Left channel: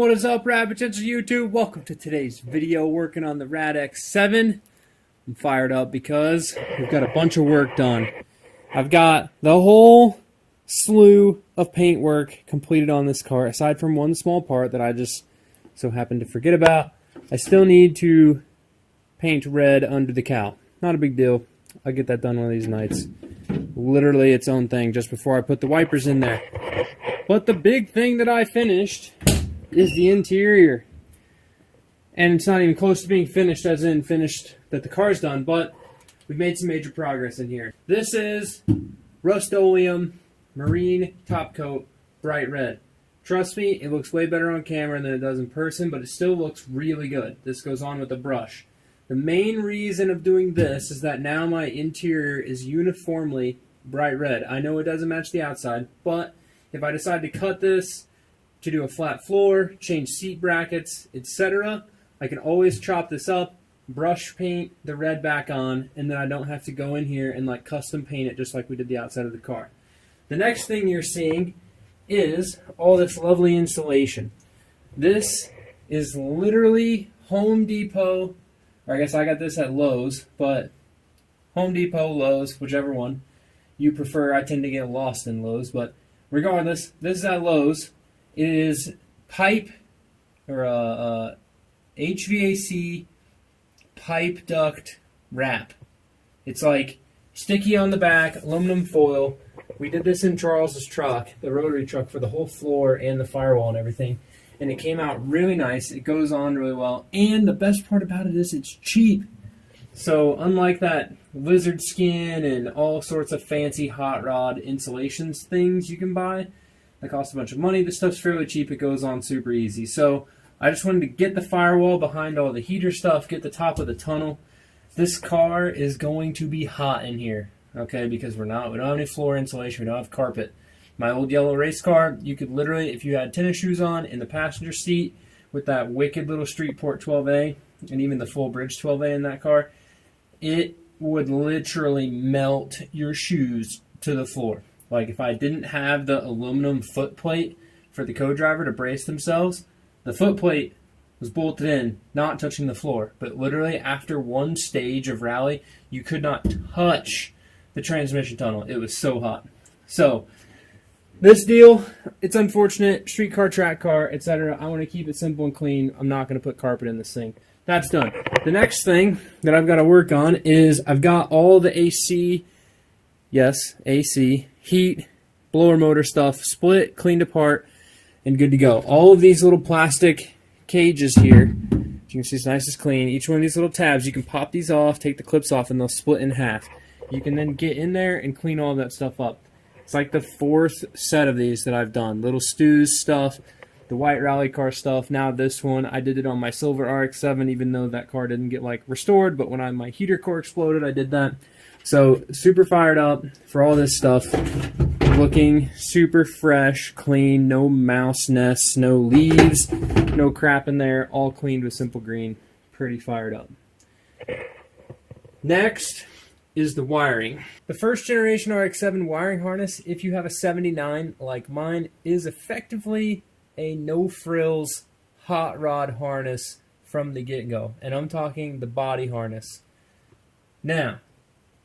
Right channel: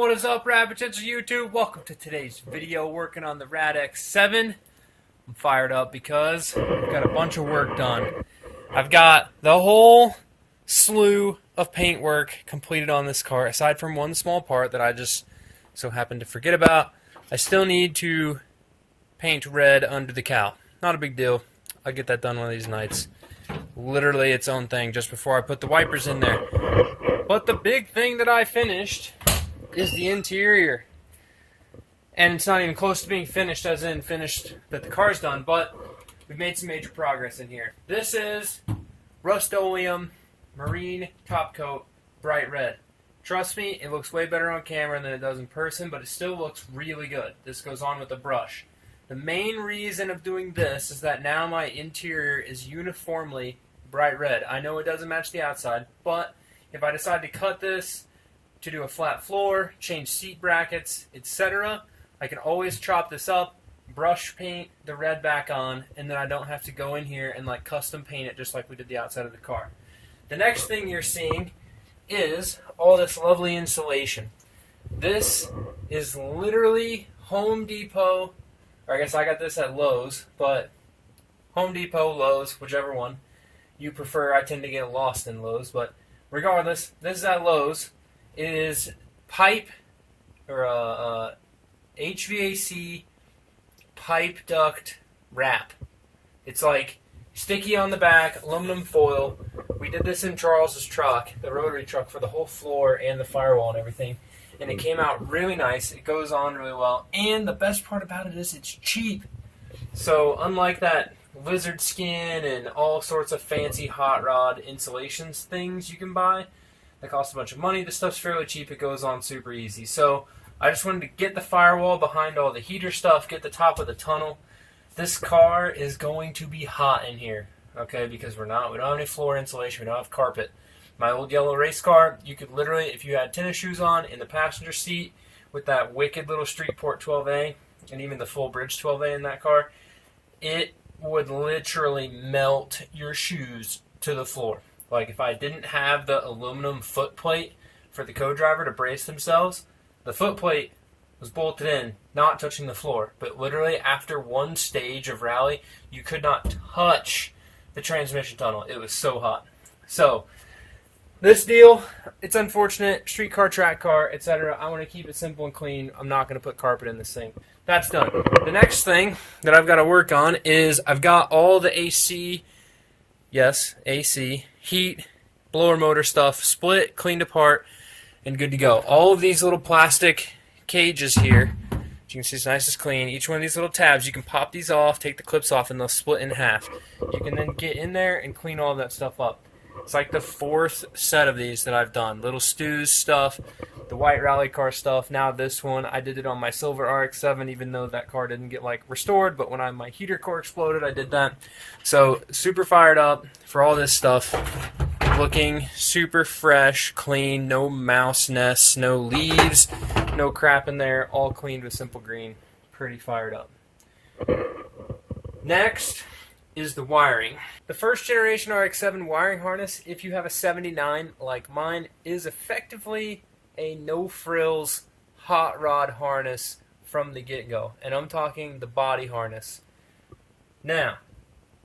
What is up, Rapid Potential YouTube? Welcome to today's video working on the RADX7. I'm fired up because we've got a bunch of work done. I've got the whole slew of paint work completed on this car, aside from one small part that I just so happened to forget about. I still need to paint red under the cowl. Not a big deal. I'll get that done one of these nights. Literally its own thing just before I put the wipers in there. But the big thing that I finished is the interior. And it's not even close to being finished, as in finished that the car's done, but we've made some major progress in here. This is Rust-Oleum Marine Top Coat Bright Red. Trust me, it looks way better on camera than it does in person, but it still looks really good. This goes on with a brush. The main reason of doing this is that now my interior is uniformly bright red. I know it doesn't match the outside, but if I decide to cut this to do a flat floor, change seat brackets, etc., I can always chop this up, brush paint the red back on, and then I don't have to go in here and like custom paint it just like we did the outside of the car. The next thing you're seeing is all this lovely insulation. This is literally Home Depot, or I guess I got this at Lowe's, but Home Depot, Lowe's, whichever one you prefer. I tend to get lost in Lowe's, but regardless, this is at Lowe's. It is pipe, or HVAC pipe duct wrap. It's like sticky on the back, aluminum foil. We did this in Charles's truck, the rotary truck, for the whole floor and the firewall and everything. And it came out really nice. It goes on really well. And the best part about it is it's cheap. So unlike that lizard skin and all sorts of fancy hot rod insulations things you can buy, that costs a bunch of money, this stuff's fairly cheap. It goes on super easy. So I just wanted to get the firewall behind all the heater stuff, get the top of the tunnel. This car is going to be hot in here, okay, because we don't have any floor insulation, we don't have carpet. My old yellow race car, you could literally, if you had tennis shoes on in the passenger seat with that wicked little Streetport 12A, and even the full bridge 12A in that car, it would literally melt your shoes to the floor. Like if I didn't have the aluminum foot plate for the co-driver to brace themselves, the foot plate was bolted in, not touching the floor. But literally after one stage of rally, you could not touch the transmission tunnel. It was so hot. So this deal, it's unfortunate. Street car, track car, etc. I want to keep it simple and clean. I'm not going to put carpet in this thing. That's done. The next thing that I've got to work on is I've got all the AC, yes, AC, heat, blower motor stuff split, cleaned apart, and good to go. All of these little plastic cages here, as you can see, it's nice and clean. Each one of these little tabs, you can pop these off, take the clips off, and they'll split in half. You can then get in there and clean all of that stuff up. It's like the fourth set of these that I've done. Little Stu's stuff, the white rally car stuff. Now this one, I did it on my silver RX7, even though that car didn't get like restored, but when my heater core exploded, I did that. So super fired up for all this stuff. Looking super fresh, clean, no mouse nests, no leaves, no crap in there, all cleaned with Simple Green. Pretty fired up. Next is the wiring. The first generation RX7 wiring harness, if you have a 79 like mine, is effectively a no-frills hot rod harness from the get-go. And I'm talking the body harness. Now,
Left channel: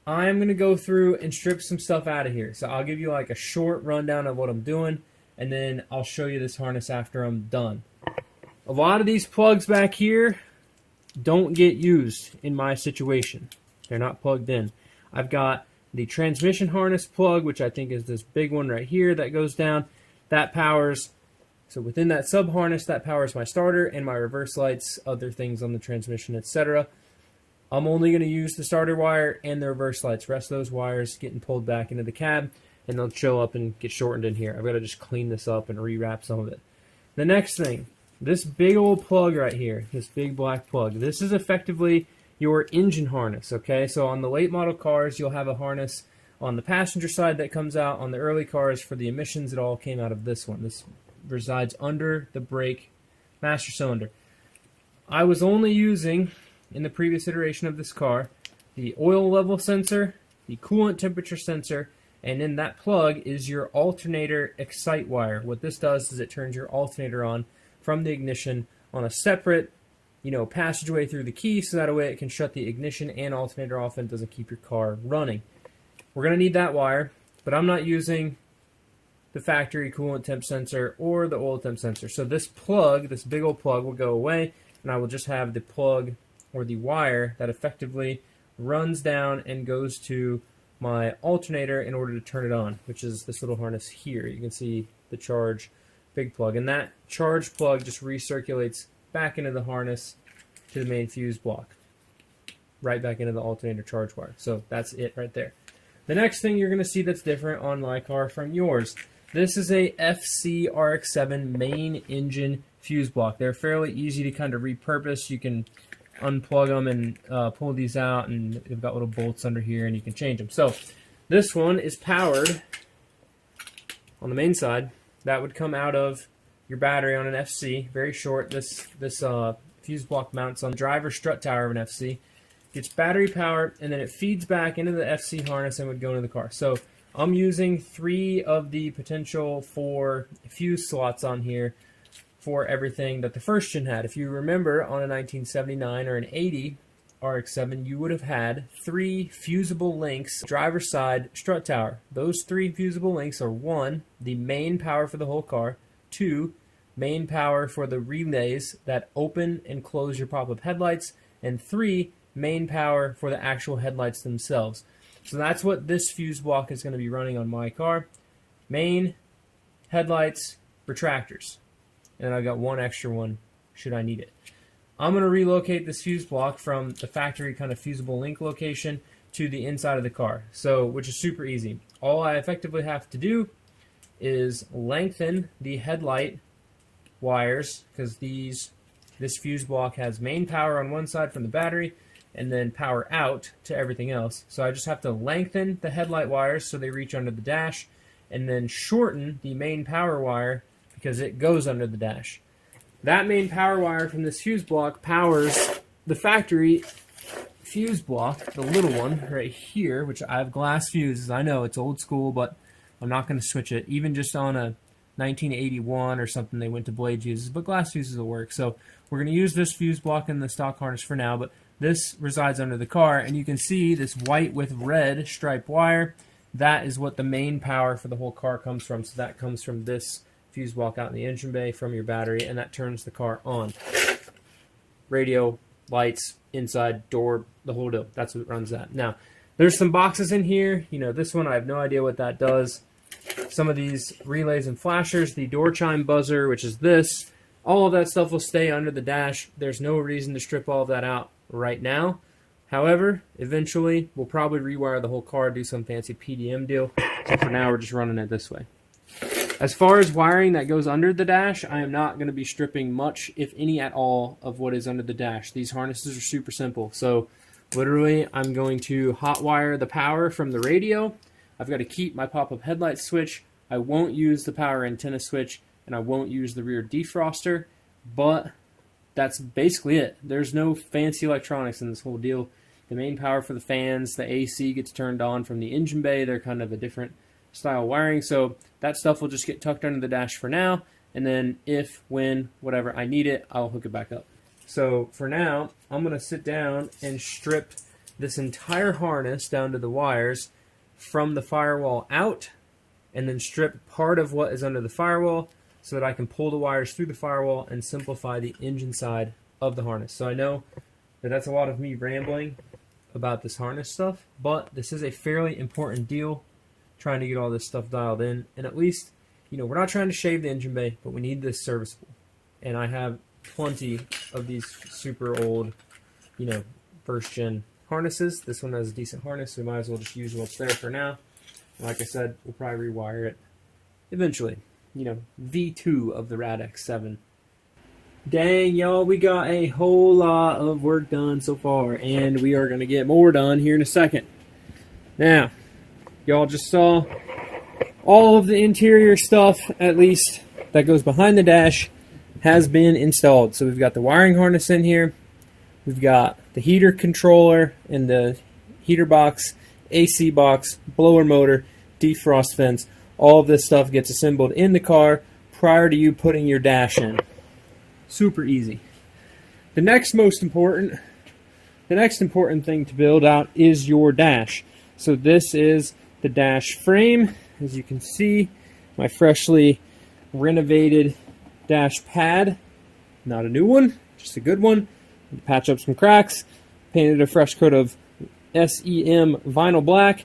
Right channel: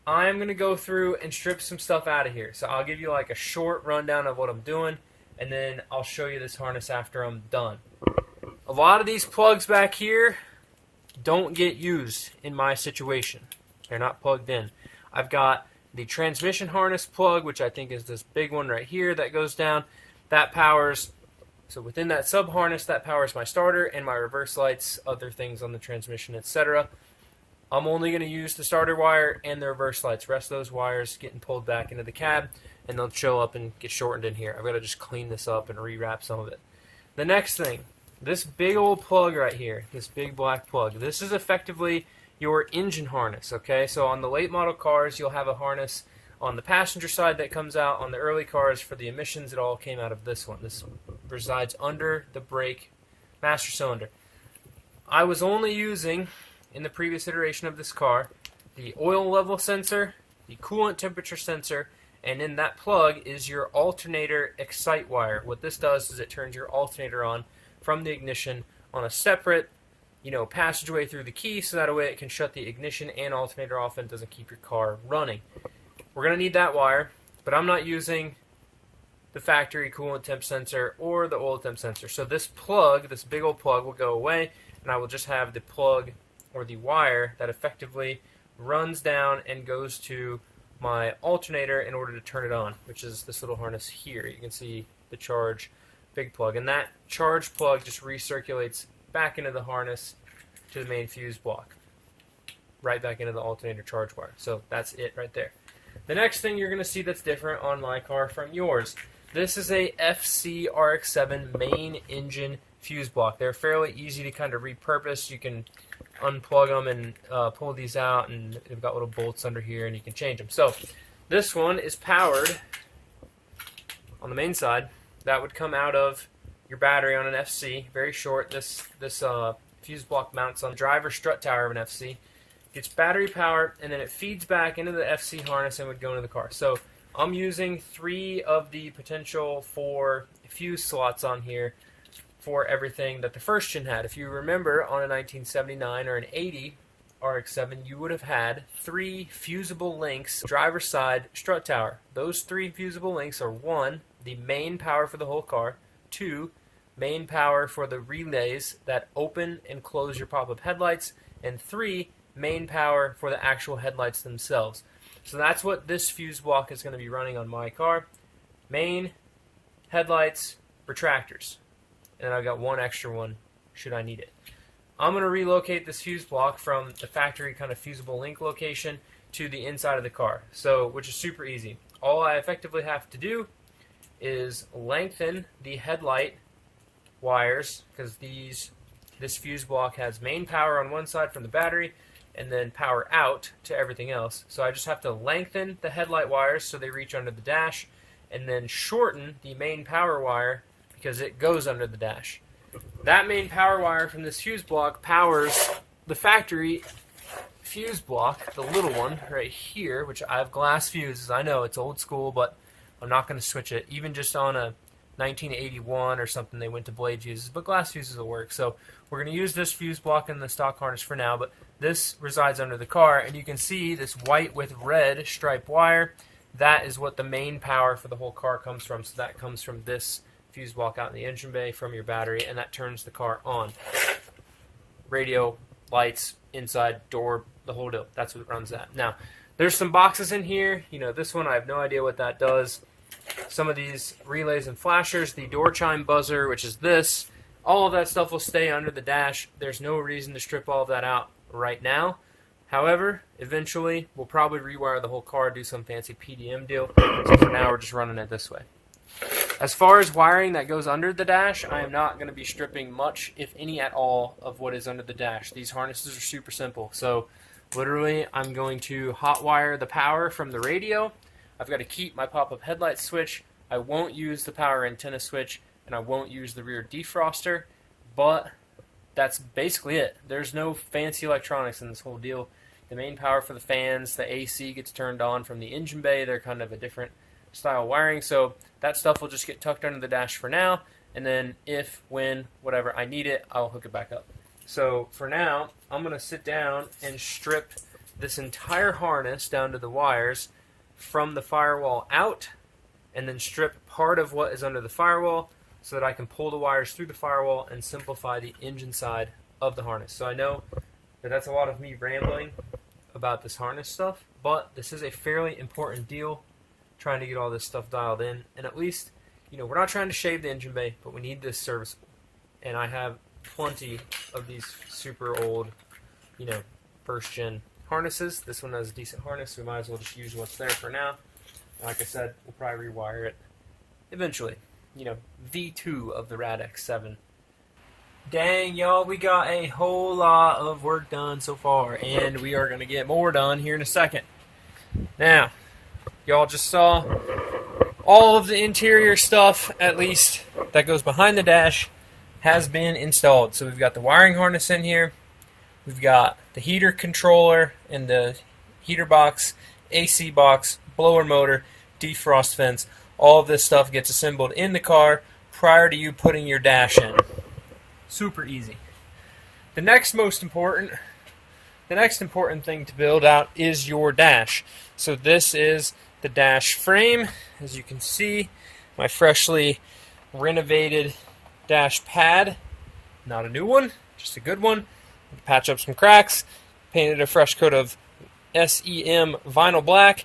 I'm going to go through and strip some stuff out of here. So I'll give you like a short rundown of what I'm doing, and then I'll show you this harness after I'm done. A lot of these plugs back here don't get used in my situation. They're not plugged in. I've got the transmission harness plug, which I think is this big one right here that goes down. That powers, so within that sub harness, that powers my starter and my reverse lights, other things on the transmission, etc. I'm only going to use the starter wire and the reverse lights. The rest of those wires getting pulled back into the cab, and they'll show up and get shortened in here. I've got to just clean this up and rewrap some of it. The next thing, this big old plug right here, this big black plug, this is effectively your engine harness, okay? So on the late model cars, you'll have a harness on the passenger side that comes out. On the early cars, for the emissions, it all came out of this one. This resides under the brake master cylinder. I was only using, in the previous iteration of this car, the oil level sensor, the coolant temperature sensor, and in that plug is your alternator excite wire. What this does is it turns your alternator on from the ignition on a separate, passageway through the key, so that way it can shut the ignition and alternator off and doesn't keep your car running. We're going to need that wire, but I'm not using the factory coolant temp sensor or the oil temp sensor. So this plug, this big old plug, will go away, and I will just have the plug or the wire that effectively runs down and goes to my alternator in order to turn it on, which is this little harness here. You can see the charge big plug, and that charge plug just recirculates back into the harness to the main fuse block, right back into the alternator charge wire. So that's it right there. The next thing you're going to see that's different on my car from yours, this is a FC RX7 main engine fuse block. They're fairly easy to kind of repurpose. You can unplug them and pull these out, and they've got little bolts under here, and you can change them. So this one is powered on the main side. That would come out of your battery on an FC. Very short. This fuse block mounts on the driver strut tower of an FC. Gets battery powered, and then it feeds back into the FC harness and would go into the car. So I'm using 3 of the potential 4 fuse slots on here for everything that the first gen had. If you remember, on a 1979 or an 80 RX7, you would have had 3 fusible links, driver side strut tower. Those 3 fusible links are 1, the main power for the whole car, 2, main power for the relays that open and close your pop-up headlights, and 3, main power for the actual headlights themselves. So that's what this fuse block is going to be running on my car. Main, headlights, retractors. And then I've got 1 extra one should I need it. I'm going to relocate this fuse block from the factory kind of fusible link location to the inside of the car, which is super easy. All I effectively have to do is lengthen the headlight wires, because this fuse block has main power on one side from the battery and then power out to everything else. So I just have to lengthen the headlight wires so they reach under the dash, and then shorten the main power wire because it goes under the dash. That main power wire from this fuse block powers the factory fuse block, the little one right here, which I have glass fuses. I know it's old school, but I'm not going to switch it. Even just on a 1981 or something, they went to blade fuses, but glass fuses will work. So we're going to use this fuse block in the stock harness for now, but this resides under the car, and you can see this white with red stripe wire. That is what the main power for the whole car comes from. So that comes from this fuse block out in the engine bay from your battery, and that turns the car on. Radio, lights, inside, door, the whole deal. That's what runs that. Now, there's some boxes in here. This one, I have no idea what that does. Some of these relays and flashers, the door chime buzzer, which is this, all of that stuff will stay under the dash. There's no reason to strip all of that out right now. However, eventually, we'll probably rewire the whole car, do some fancy PDM deal. So for now, we're just running it this way. As far as wiring that goes under the dash, I am not going to be stripping much, if any at all, of what is under the dash. These harnesses are super simple. So literally, I'm going to hot wire the power from the radio. I've got to keep my pop-up headlight switch. I won't use the power antenna switch, and I won't use the rear defroster, but that's basically it. There's no fancy electronics in this whole deal. The main power for the fans, the AC gets turned on from the engine bay. They're kind of a different style wiring, so that stuff will just get tucked under the dash for now, and then if, when, whatever I need it, I'll hook it back up. So for now, I'm going to sit down and strip this entire harness down to the wires from the firewall out, and then strip part of what is under the firewall so that I can pull the wires through the firewall and simplify the engine side of the harness. So I know that that's a lot of me rambling about this harness stuff, but this is a fairly important deal, trying to get all this stuff dialed in. And at least, we're not trying to shave the engine bay, but we need this serviceable. And I have plenty of these super old, first gen harnesses. This one has a decent harness, so we might as well just use what's there for now. Like I said, we'll probably rewire it eventually. V2 of the RADX7. Dang, y'all, we got a whole lot of work done so far, and we are going to get more done here in a second. Now, y'all just saw all of the interior stuff, at least that goes behind the dash, has been installed. So we've got the wiring harness in here. We've got the heater controller and the heater box, AC box, blower motor, defrost vents. All of this stuff gets assembled in the car prior to you putting your dash in. Super easy. The next important thing to build out is your dash. So this is the dash frame. As you can see, my freshly renovated dash pad. Not a new one, just a good one. Patch up some cracks. Painted a fresh coat of SEM vinyl black.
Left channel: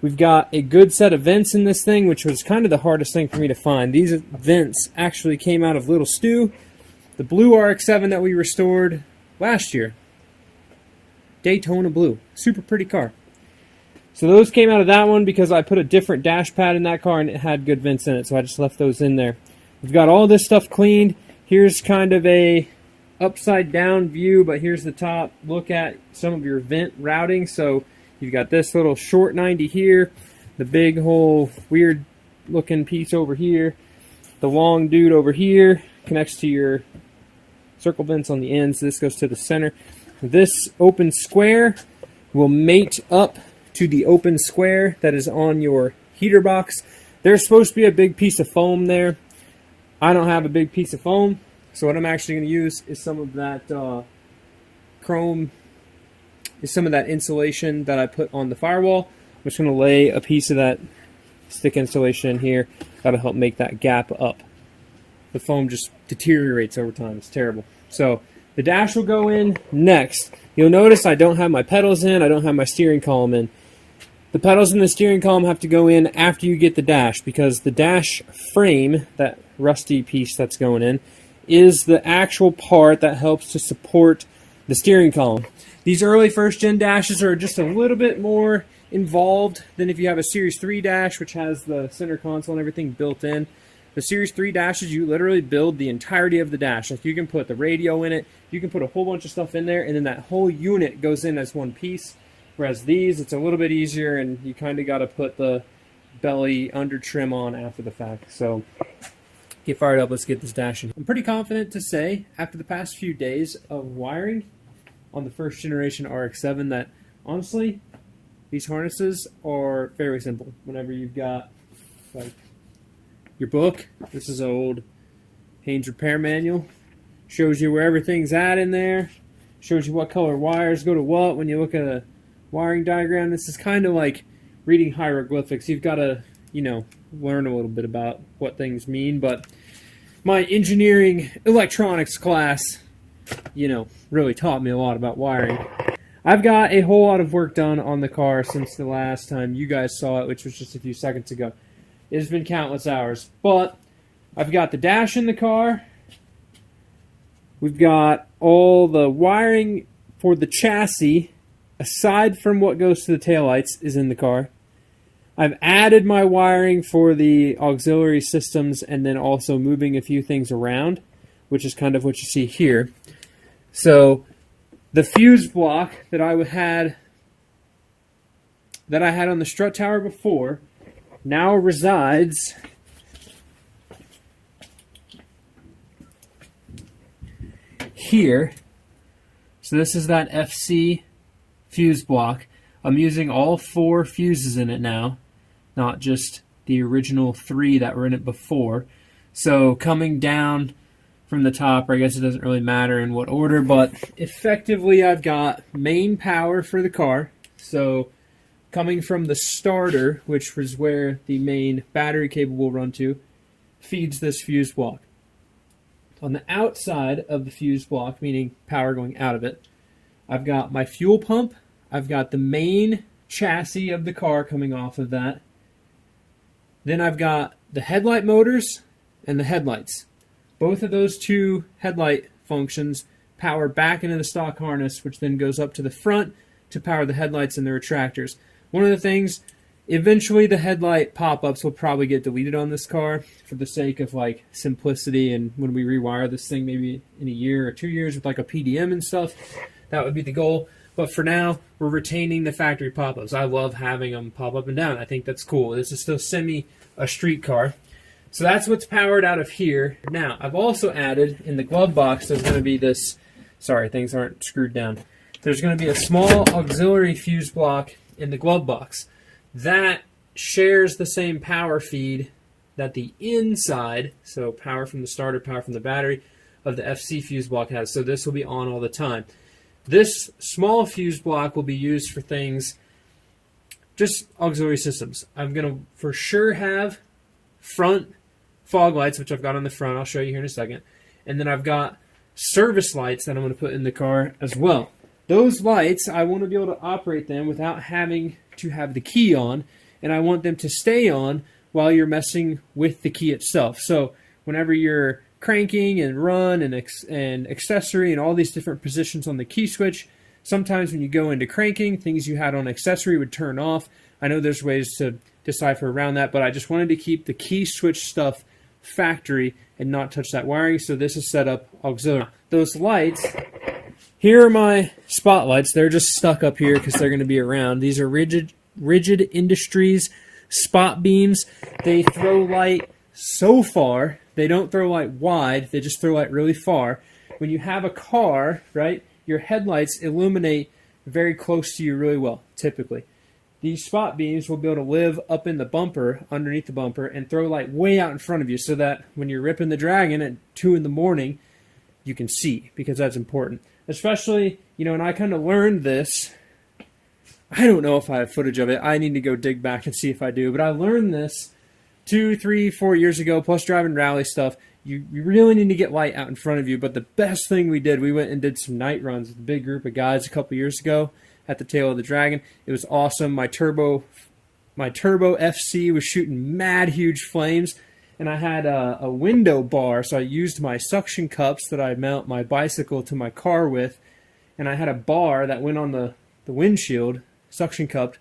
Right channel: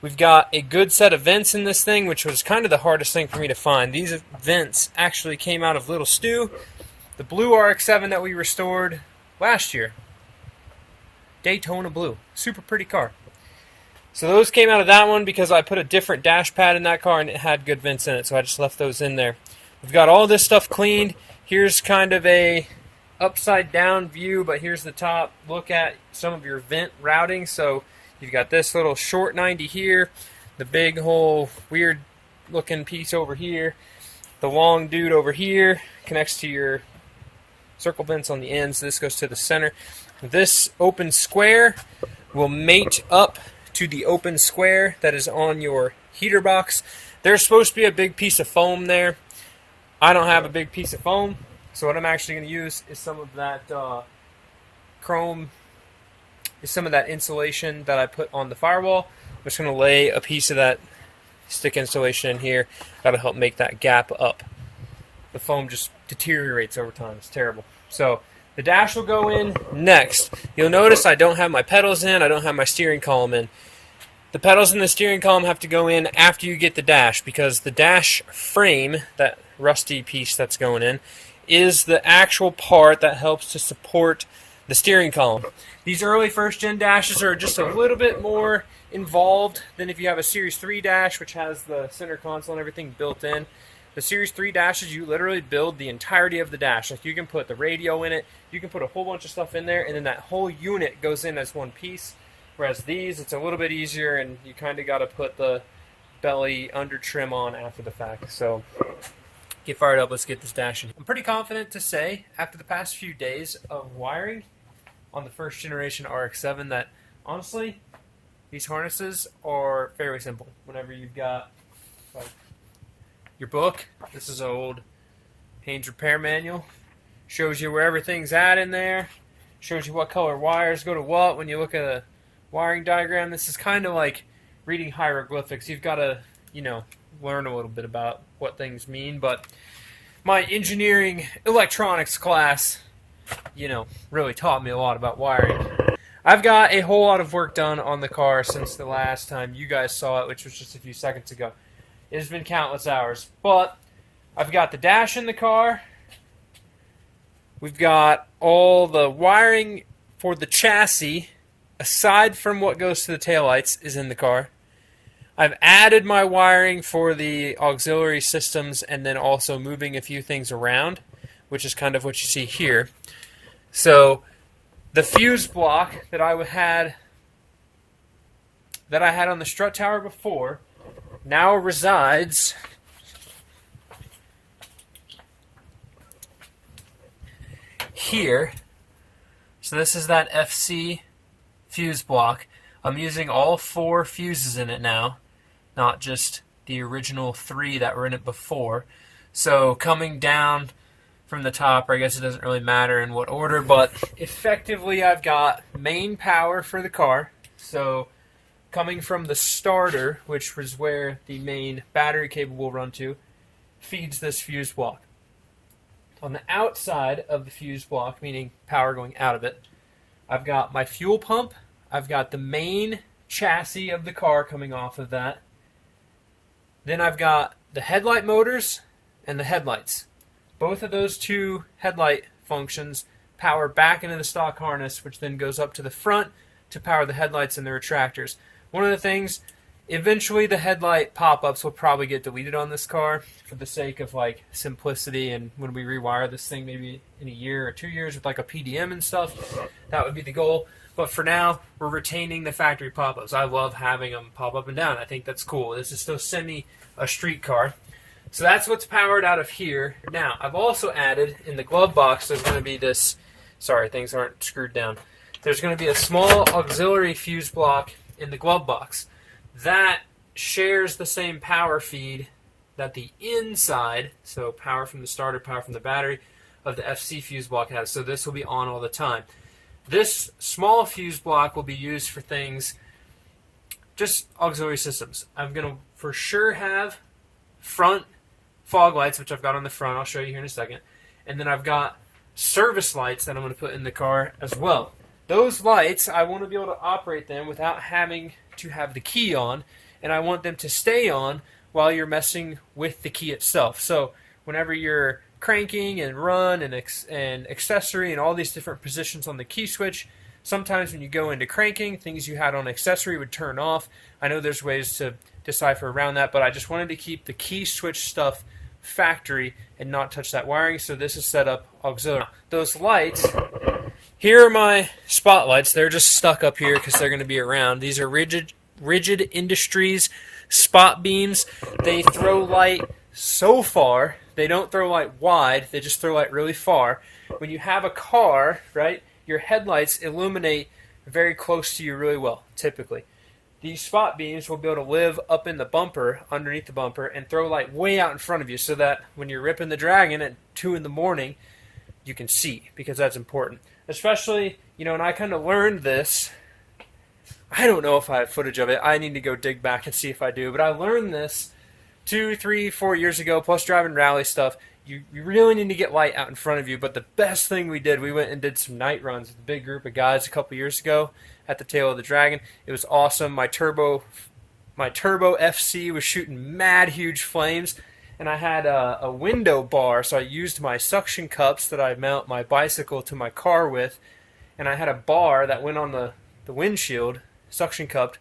We've got a good set of vents in this thing, which was kind of the hardest thing for me to find. These vents actually came out of Little Stew, the blue RX7 that we restored last year. Daytona blue. Super pretty car. So those came out of that one because I put a different dash pad in that car and it had good vents in it, so I just left those in there. We've got all this stuff cleaned. Here's kind of a upside down view, but here's the top look at some of your vent routing. So you've got this little short 90 here, the big whole weird looking piece over here, the long dude over here connects to your circle vents on the ends. This goes to the center. This open square will mate up to the open square that is on your heater box. There's supposed to be a big piece of foam there. I don't have a big piece of foam, so what I'm actually going to use is some of that some of that insulation that I put on the firewall. I'm just going to lay a piece of that stick insulation in here. That'll help make that gap up. The foam just deteriorates over time. It's terrible. So the dash will go in next. You'll notice I don't have my pedals in. I don't have my steering column in. The pedals and the steering column have to go in after you get the dash, because the dash frame, that rusty piece that's going in, is the actual part that helps to support the steering column. These early first-gen dashes are just a little bit more involved than if you have a Series 3 dash, which has the center console and everything built in. The Series 3 dashes, you literally build the entirety of the dash. Like, you can put the radio in it, you can put a whole bunch of stuff in there, and then that whole unit goes in as one piece. Whereas these, it's a little bit easier, and you kind of got to put the belly under trim on after the fact. So get fired up, let's get this dash in. I'm pretty confident to say, after the past few days of wiring on the first generation RX7, that honestly, these harnesses are fairly simple. Whenever you've got like your book, this is an old Haynes repair manual, shows you where everything's at in there, shows you what color wires go to what when you look at a wiring diagram. This is kind of like reading hieroglyphics. You've got to, learn a little bit about what things mean, but my engineering electronics class, really taught me a lot about wiring. I've got a whole lot of work done on the car since the last time you guys saw it, which was just a few seconds ago. It has been countless hours, but I've got the dash in the car. We've got all the wiring for the chassis, aside from what goes to the taillights, is in the car. I've added my wiring for the auxiliary systems and then also moving a few things around, which is kind of what you see here. So the fuse block that I had on the strut tower before now resides here. So this is that FC fuse block. I'm using all 4 fuses in it now, not just the original 3 that were in it before. So coming down from the top, or I guess it doesn't really matter in what order, but effectively I've got main power for the car. So coming from the starter, which was where the main battery cable will run to, feeds this fuse block. On the outside of the fuse block, meaning power going out of it, I've got my fuel pump. I've got the main chassis of the car coming off of that. Then I've got the headlight motors and the headlights. Both of those 2 headlight functions power back into the stock harness, which then goes up to the front to power the headlights and the retractors. One of the things, eventually the headlight pop-ups will probably get deleted on this car for the sake of simplicity, and when we rewire this thing maybe in a year or 2 years with a PDM and stuff, that would be the goal. But for now, we're retaining the factory pop-ups. I love having them pop up and down. I think that's cool. This is still a street car. So that's what's powered out of here. Now, I've also added in the glove box, there's going to be this, sorry, things aren't screwed down. There's going to be a small auxiliary fuse block in the glove box. That shares the same power feed that the inside, so power from the starter, power from the battery, of the FC fuse block has, so this will be on all the time. This small fuse block will be used for things, just auxiliary systems. I'm going to for sure have front fog lights, which I've got on the front. I'll show you here in a second. And then I've got service lights that I'm going to put in the car as well. Those lights, I want to be able to operate them without having to have the key on, and I want them to stay on while you're messing with the key itself. So whenever you're cranking and run and accessory and all these different positions on the key switch, sometimes when you go into cranking, things you had on accessory would turn off. I know there's ways to decipher around that, but I just wanted to keep the key switch stuff factory and not touch that wiring, so this is set up auxiliary. Those lights, here are my spotlights. They're just stuck up here because they're going to be around. These are Rigid Industries spot beams. They throw light so far. They don't throw light wide. They just throw light really far. When you have a car, right, your headlights illuminate very close to you really well, typically. These spot beams will be able to live up in the bumper, underneath the bumper, and throw light way out in front of you so that when you're ripping the Dragon at 2 in the morning, you can see, because that's important. Especially, you know, and I kind of learned this. I don't know if I have footage of it. I need to go dig back and see if I do. But I learned this 2, 3, 4 years ago, plus driving rally stuff. You really need to get light out in front of you. But the best thing we did, we went and did some night runs with a big group of guys a couple years ago at the tail of the Dragon. It was awesome. My turbo FC was shooting mad huge flames. And I had a window bar, so I used my suction cups that I mount my bicycle to my car with. And I had a bar that went on the windshield, suction cupped.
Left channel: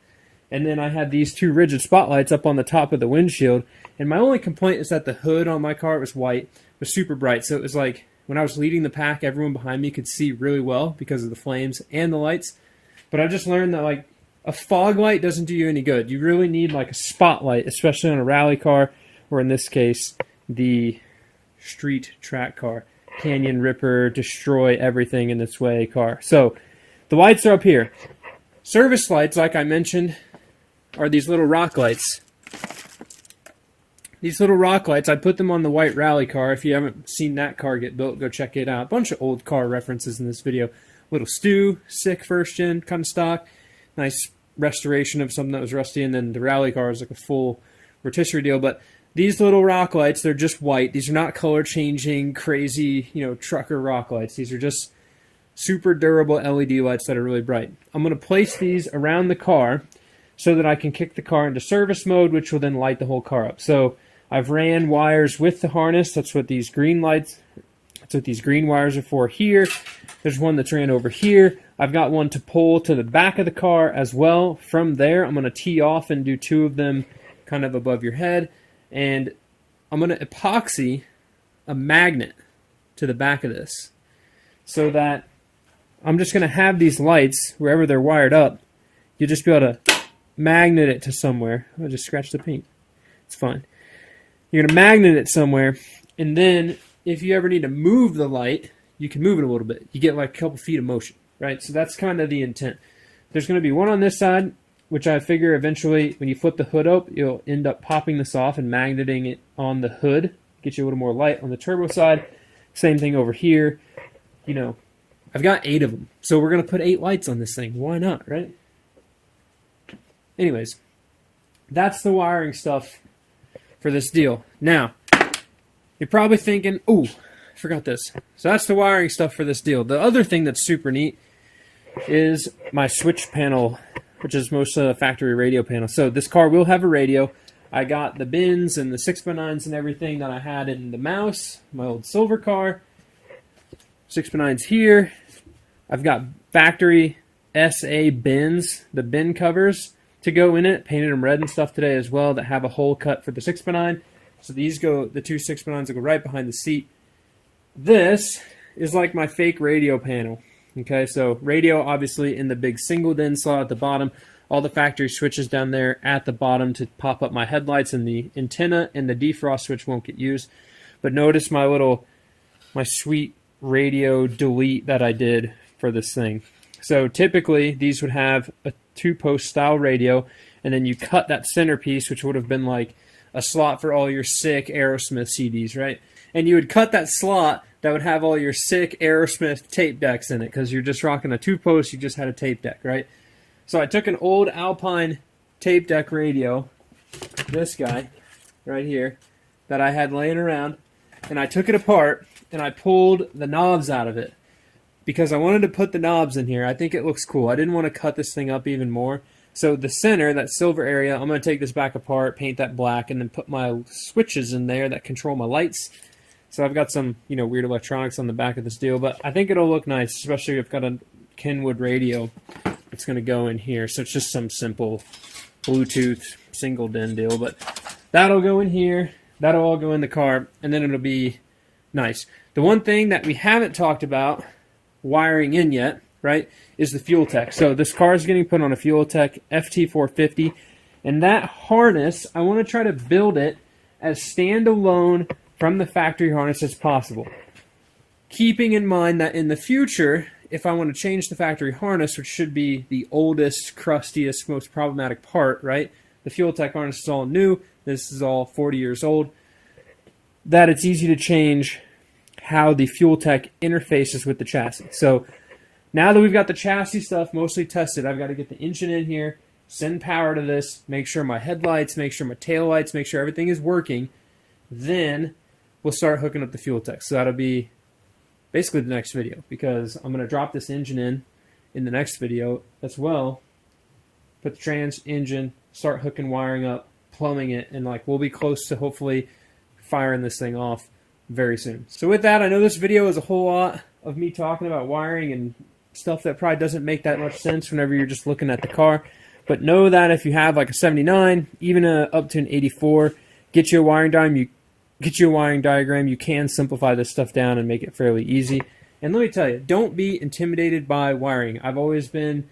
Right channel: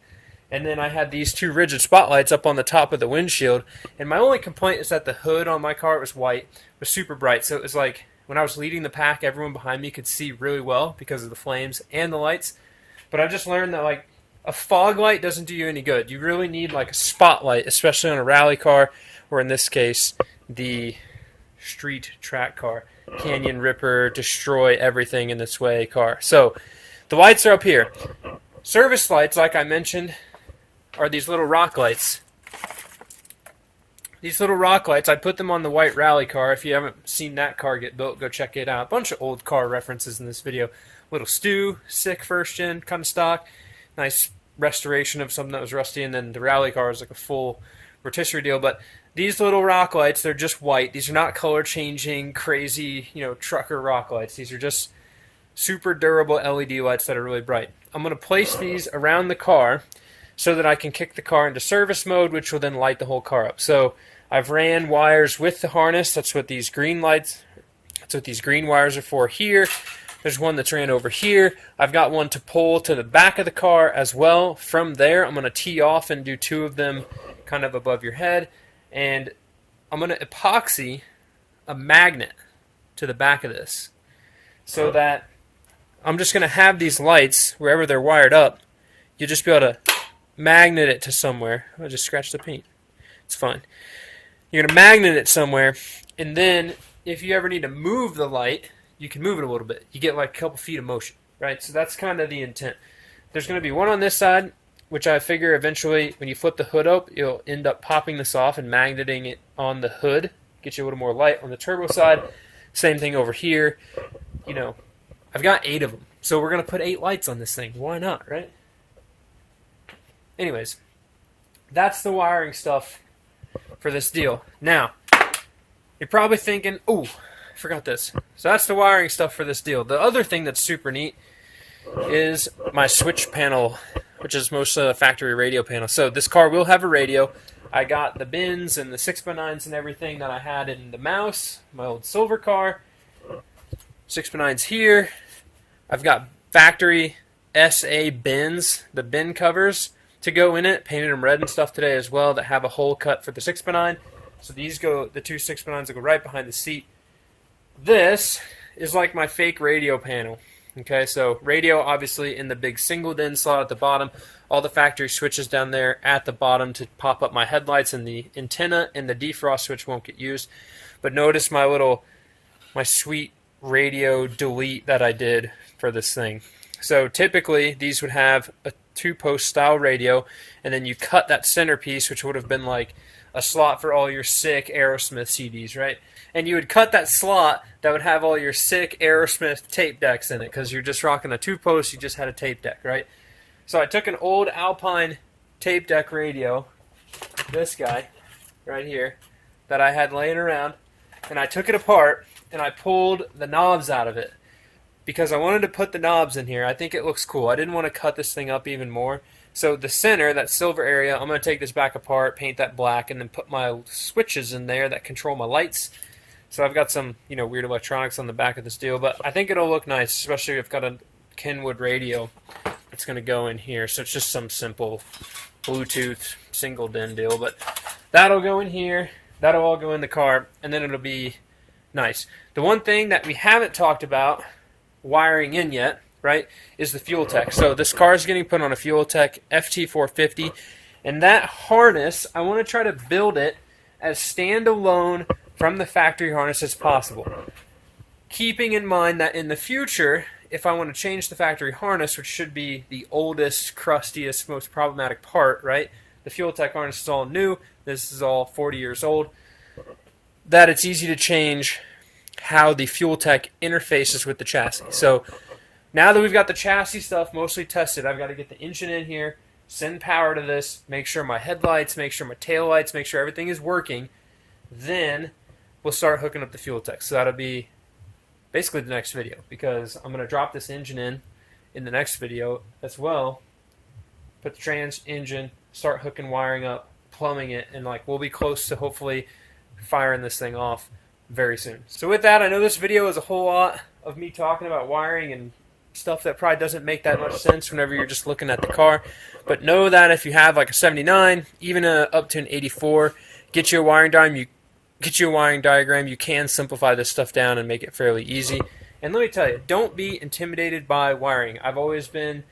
And then I had these 2 rigid spotlights up on the top of the windshield. And my only complaint is that the hood on my car, it was white, was super bright. So it was like when I was leading the pack, everyone behind me could see really well because of the flames and the lights. But I just learned that like a fog light doesn't do you any good. You really need like a spotlight, especially on a rally car, or in this case, the street track car. Canyon Ripper, destroy everything in its way car. So the lights are up here. Service lights, like I mentioned, are these little rock lights. These little rock lights, I put them on the white rally car. If you haven't seen that car get built, go check it out. A bunch of old car references in this video. Little Stew, sick first gen, kind of stock. Nice restoration of something that was rusty, and then the rally car is like a full rotisserie deal. But these little rock lights, they're just white. These are not color changing, crazy, you know, trucker rock lights. These are just super durable LED lights that are really bright. I'm going to place these around the car so that I can kick the car into service mode, which will then light the whole car up. So I've ran wires with the harness. That's what these green lights, that's what these green wires are for here. There's one that's ran over here. I've got one to pull to the back of the car as well. From there, I'm going to tee off and do 2 of them kind of above your head. And I'm going to epoxy a magnet to the back of this so that I'm just going to have these lights, wherever they're wired up, you'll just be able to magnet it to somewhere. I'll just scratch the paint. It's fine. You're going to magnet it somewhere, and then if you ever need to move the light, you can move it a little bit. You get like a couple feet of motion, right? So that's kind of the intent. There's going to be one on this side, which I figure eventually when you flip the hood up, you'll end up popping this off and magneting it on the hood. Get you a little more light on the turbo side. Same thing over here. You know, I've got 8 of them. So we're going to put 8 lights on this thing. Why not, right? Anyways, that's the wiring stuff for this deal. Now, you're probably thinking, oh, I forgot this. So that's the wiring stuff for this deal. The other thing that's super neat is my switch panel, which is mostly a factory radio panel. So this car will have a radio. I got the bins and the 6x9s and everything that I had in the Mouse, my old silver car. 6x9s here. I've got factory SA bins, the bin covers to go in it. Painted them red and stuff today as well that have a hole cut for the 6x9. So these go, the 2 6x9s will go right behind the seat. This is like my fake radio panel. Okay, so radio obviously in the big single DIN slot at the bottom. All the factory switches down there at the bottom to pop up my headlights, and the antenna and the defrost switch won't get used. But notice my sweet radio delete that I did for this thing. So typically these would have a 2-post style radio, and then you cut that centerpiece, which would have been like a slot for all your sick Aerosmith CDs, right? and you would cut that slot that would have all your sick Aerosmith tape decks in it because you're just rocking a 2-post, you just had a tape deck, right? So I took an old Alpine tape deck radio, this guy right here, that I had laying around, and I took it apart and I pulled the knobs out of it because I wanted to put the knobs in here. I think it looks cool. I didn't want to cut this thing up even more. So the center, that silver area, I'm going to take this back apart, paint that black, and then put my switches in there that control my lights. So I've got some, weird electronics on the back of this deal, but I think it'll look nice, especially if I've got a Kenwood radio that's going to go in here. So it's just some simple Bluetooth single DIN deal, but that'll go in here. That'll all go in the car, and then it'll be nice. The one thing that we haven't talked about wiring in yet, right, is the fuel tech. So this car is getting put on a fuel tech FT450, and that harness, I want to try to build it as standalone from the factory harness as possible. Keeping in mind that in the future, if I want to change the factory harness, which should be the oldest, crustiest, most problematic part, right? The fuel tech harness is all new. This is all 40 years old. That it's easy to change how the fuel tech interfaces with the chassis. So now that we've got the chassis stuff mostly tested, I've got to get the engine in here, send power to this, make sure my headlights, make sure my taillights, make sure everything is working. Then we'll start hooking up the fuel tech. So that'll be basically the next video, because I'm going to drop this engine in the next video as well. Put the trans, engine, start hooking wiring up, plumbing it, and we'll be close to hopefully firing this thing off very soon. So with that, I know this video is a whole lot of me talking about wiring and stuff that probably doesn't make that much sense whenever you're just looking at the car, but know that if you have a 79, even up to an 84, get you a wiring diagram, you can simplify this stuff down and make it fairly easy. And let me tell you, don't be intimidated by wiring. I've always been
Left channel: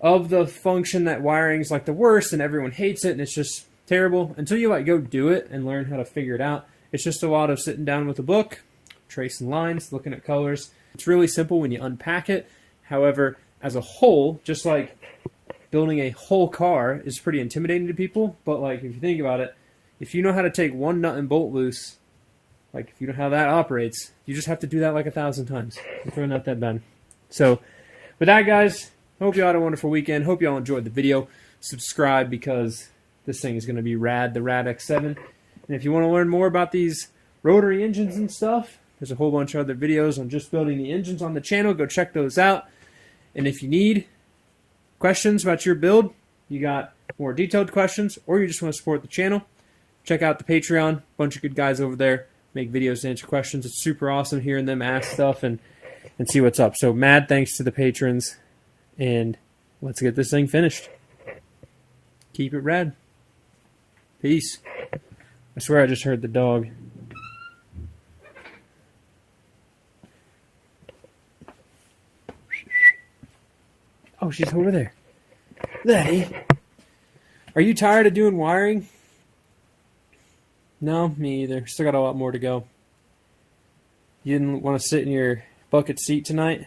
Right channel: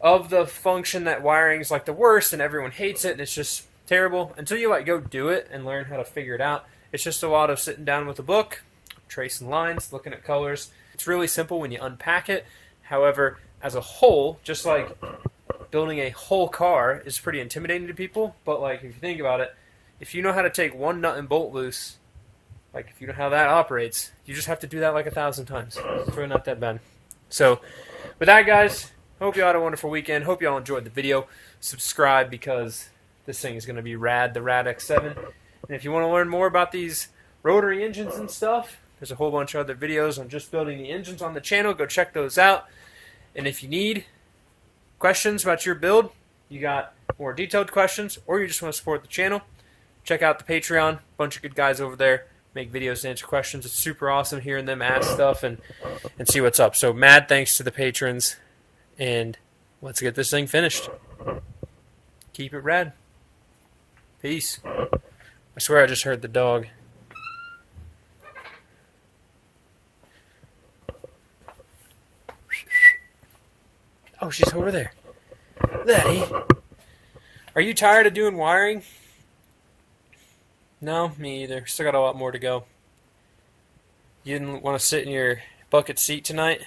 of the function that wiring's the worst and everyone hates it and it's just terrible until you go do it and learn how to figure it out. It's just a lot of sitting down with a book, tracing lines, looking at colors. It's really simple when you unpack it. However, as a whole, just like building a whole car is pretty intimidating to people, but if you think about it, if you know how to take one nut and bolt loose, if you know how that operates, you just have to do that 1,000 times. It's really not that bad. So with that, guys, hope you all had a wonderful weekend. Hope you all enjoyed the video. Subscribe because this thing is going to be rad, the RADX7. And if you want to learn more about these rotary engines and stuff, there's a whole bunch of other videos on just building the engines on the channel. Go check those out. And if you need questions about your build, you got more detailed questions, or you just want to support the channel, check out the Patreon. Bunch of good guys over there make videos to answer questions. It's super awesome hearing them ask stuff and see what's up. So mad thanks to the patrons, and let's get this thing finished. Keep it rad. Peace. I swear I just heard the dog. Oh, she's over there. Letty, are you tired of doing wiring? No, me either. Still got a lot more to go. You didn't want to sit in your bucket seat tonight?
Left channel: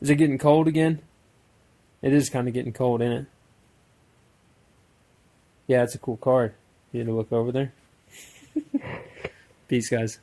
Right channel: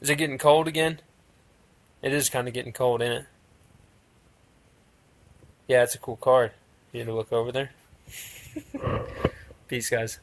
Is it getting cold again? It is kind of getting cold, isn't it? Yeah, it's a cool card. You need to look over there. Peace, guys.